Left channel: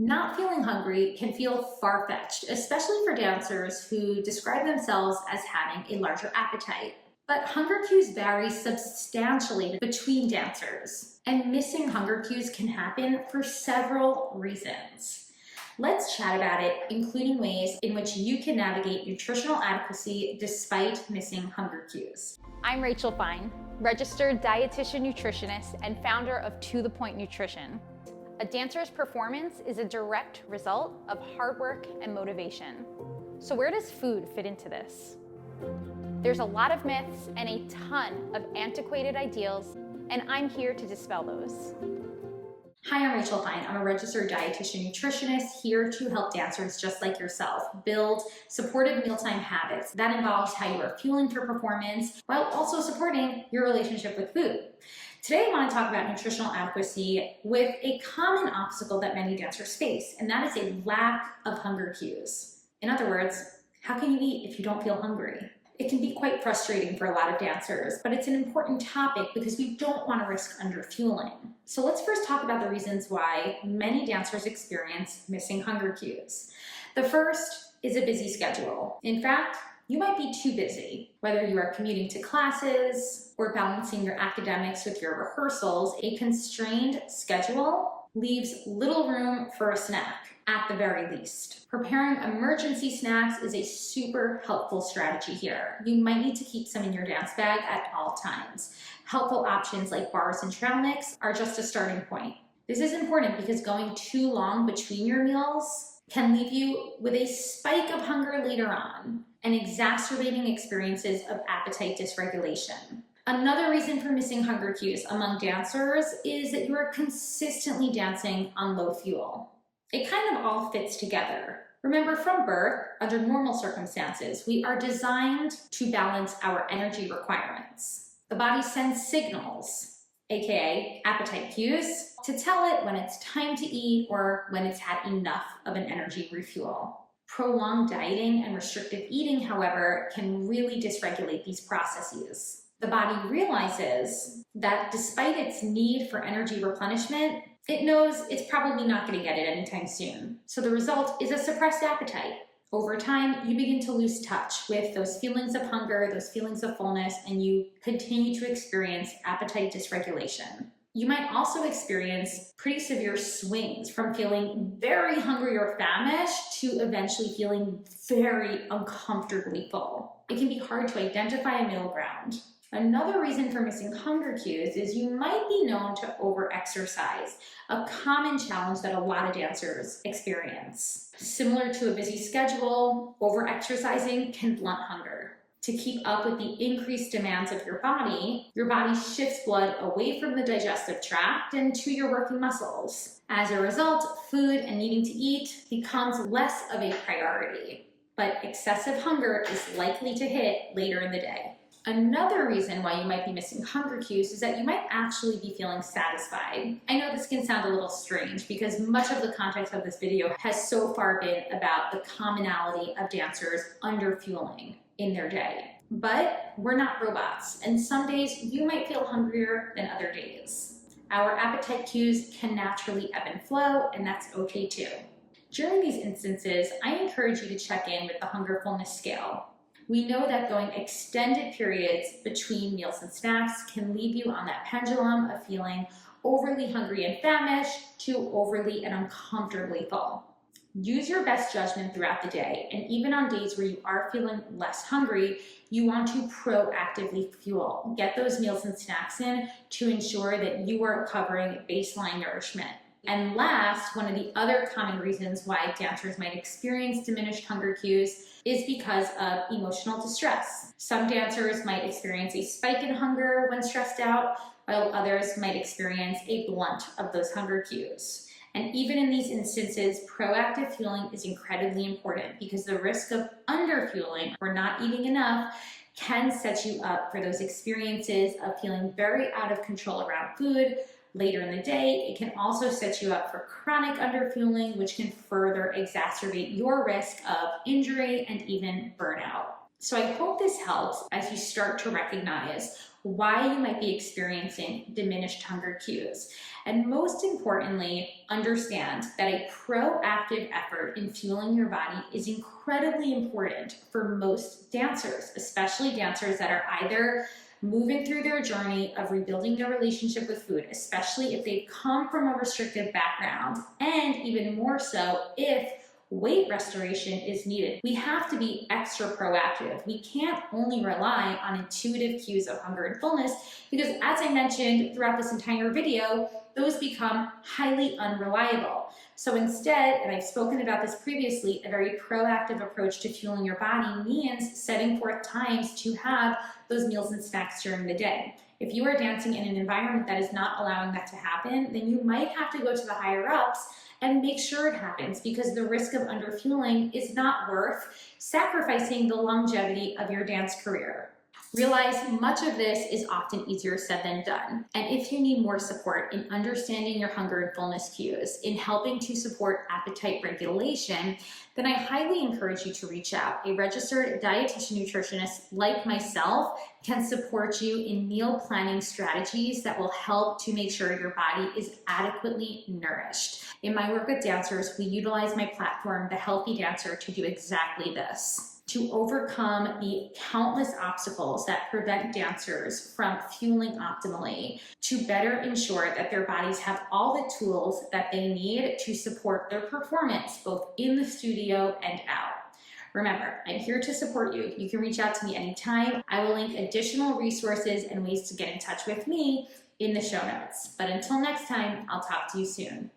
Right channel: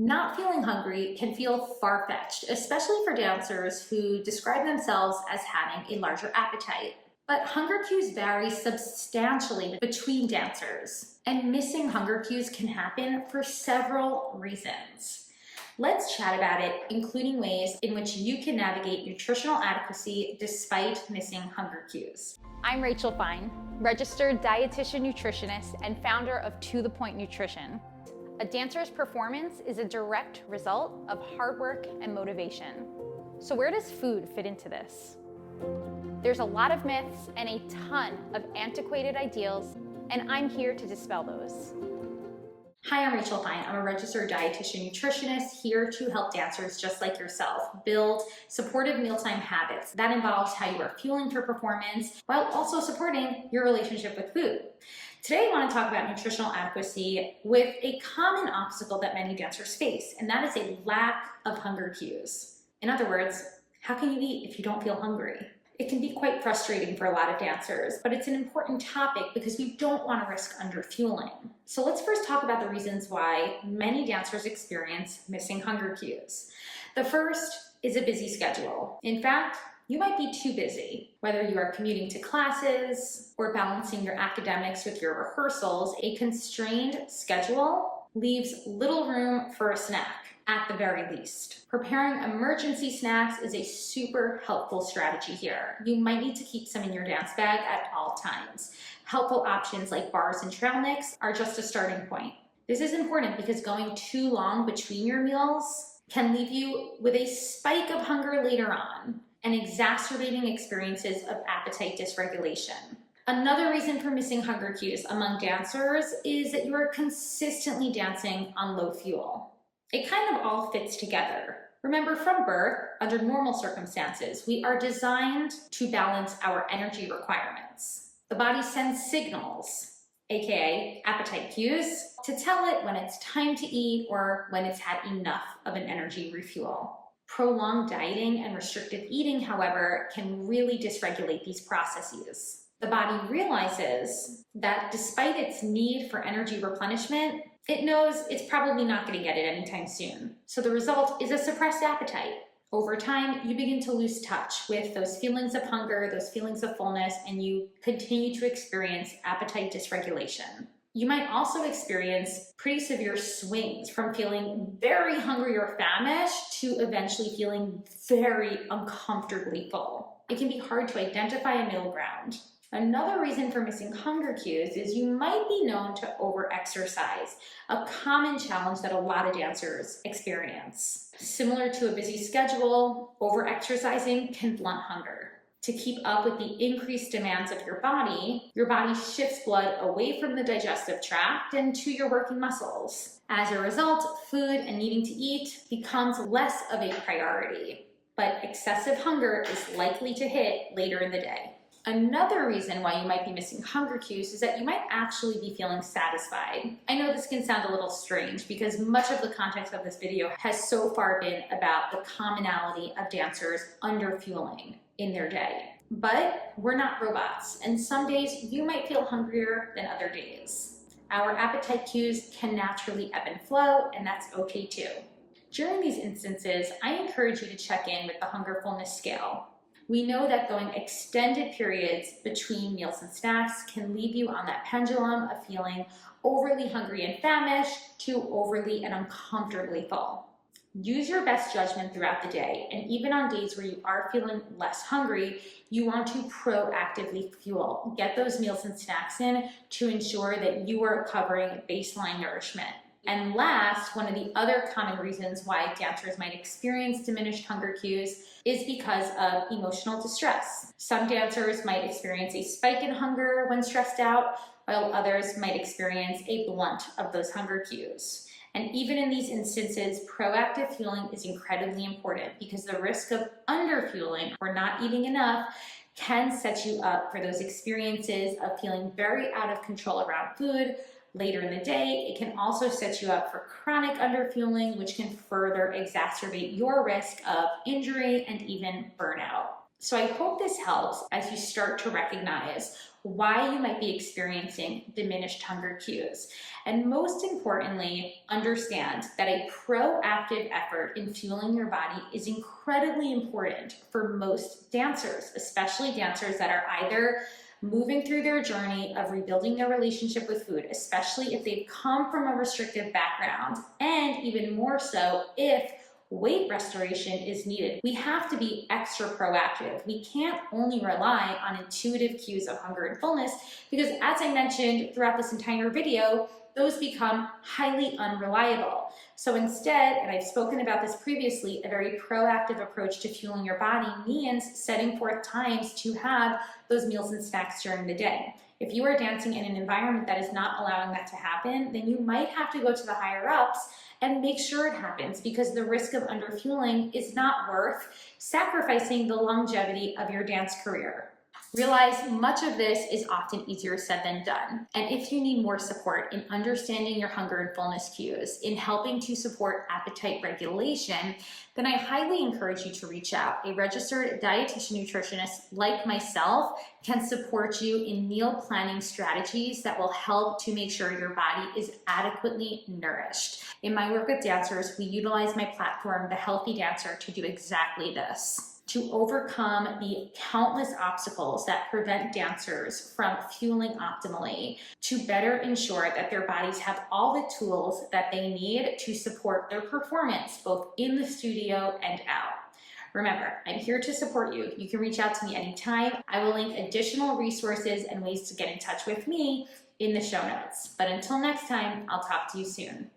Not feeling hungry can feel far-fetched, especially for dancers who describe themselves as having a larger appetite. But hunger cues vary substantially between dancers, and missing hunger cues can happen for several reasons. Let's chat about it, including ways in which you can navigate nutritional adequacy despite missing hunger cues. I'm Rachel Fine, registered dietitian nutritionist and founder of To The Point Nutrition. A dancer's performance is a direct result of hard work and motivation. So where does food fit into this? There's a lot of myths and a ton of antiquated ideals, and I'm here to dispel those. Hi, I'm Rachel Fine. I'm a registered dietitian nutritionist here to help dancers just like yourself build supportive mealtime habits. That involves how you are fueling for performance while also supporting your relationship with food. Today, I want to talk about nutritional adequacy with a common obstacle that many dancers face, and that is a lack of hunger cues. In other words, how can you eat if you don't feel hungry? It can be quite frustrating for a lot of dancers, but it's an important topic because we don't want to risk underfueling. So let's first talk about the reasons why many dancers experience missing hunger cues. The first is a busy schedule. In fact, you might be too busy. Whether you are commuting to classes or balancing your academics with your rehearsals, a constrained schedule leaves little room for a snack, at the very least. Preparing emergency snacks is a super helpful strategy here. You might need to keep some in your dance bag at all times. Helpful options like bars and trail mix are just a starting point. This is important because going too long between your meals can leave you with a spike of hunger later on and exacerbating experiences of appetite dysregulation. Another reason for missing hunger cues among dancers is that you are consistently dancing on low fuel. It kind of all fits together. Remember, from birth, under normal circumstances, we are designed to balance our energy requirements. The body sends signals, aka appetite cues, to tell it when it's time to eat or when it's had enough of an energy refuel. Prolonged dieting and restrictive eating, however, can really dysregulate these processes. The body realizes that despite its need for energy replenishment, it knows it's probably not going to get it anytime soon. So the result is a suppressed appetite. Over time, you begin to lose touch with those feelings of hunger, those feelings of fullness, and you continue to experience appetite dysregulation. You might also experience pretty severe swings from feeling very hungry or famished to eventually feeling very uncomfortably full. It can be hard to identify a middle ground. Another reason for missing hunger cues is you might be known to overexercise, a common challenge that a lot of dancers experience. Similar to a busy schedule, overexercising can blunt hunger. To keep up with the increased demands of your body shifts blood away from the digestive tract and to your working muscles. As a result, food and needing to eat becomes less of a priority, but excessive hunger is likely to hit later in the day. Another reason why you might be missing hunger cues is that you might actually be feeling satisfied. I know this can sound a little strange because much of the context of this video has so far been about the commonality of dancers underfueling in their day. But we're not robots, and some days you might feel hungrier than other days. Our appetite cues can naturally ebb and flow, and that's okay too. During these instances, I encourage you to check in with the hunger fullness scale. We know that going extended periods between meals and snacks can leave you on that pendulum of feeling overly hungry and famished to overly and uncomfortably full. Use your best judgment throughout the day, and even on days where you are feeling less hungry, you want to proactively fuel. Get those meals and snacks in to ensure that you are covering baseline nourishment. And last, one of the other common reasons why dancers might experience diminished hunger cues is because of emotional distress. Some dancers might experience a spike in hunger when stressed out, while others might experience a blunt of those hunger cues. And even in these instances, proactive fueling is incredibly important because the risk of underfueling or not eating enough can set you up for those experiences of feeling very out of control around food later in the day. It can also set you up for chronic underfueling, which can further exacerbate your risk of injury and even burnout. So I hope this helps as you start to recognize why you might be experiencing diminished hunger cues. And most importantly, understand that a proactive effort in fueling your body is incredibly important for most dancers, especially dancers that are either moving through their journey of rebuilding their relationship with food, especially if they've come from a restrictive background, and even more so if weight restoration is needed. We have to be extra proactive. We can't only rely on intuitive cues of hunger and fullness because, as I mentioned throughout this entire video, those become highly unreliable. So instead, and I've spoken about this previously, a very proactive approach to fueling your body means setting forth times to have those meals and snacks during the day. If you are dancing in an environment that is not allowing that to happen, then you might have to go to the higher ups and make sure it happens, because the risk of underfueling is not worth sacrificing the longevity of your dance career. Realize much of this is often easier said than done. And if you need more support in understanding your hunger and fullness cues, in helping to support appetite regulation, then I highly encourage you to reach out. A registered dietitian nutritionist like myself can support you in meal planning strategies that will help to make sure your body is adequately nourished. In my work with dancers, we utilize my platform, The Healthy Dancer, to do exactly this. To overcome the countless obstacles that prevent dancers from fueling optimally, to better ensure that their bodies have all the tools that they need to support their performance, both in the studio and out. Remember, I'm here to support you. You can reach out to me anytime. I will link additional resources and ways to get in touch with me in the show notes. But until next time, I'll talk to you soon.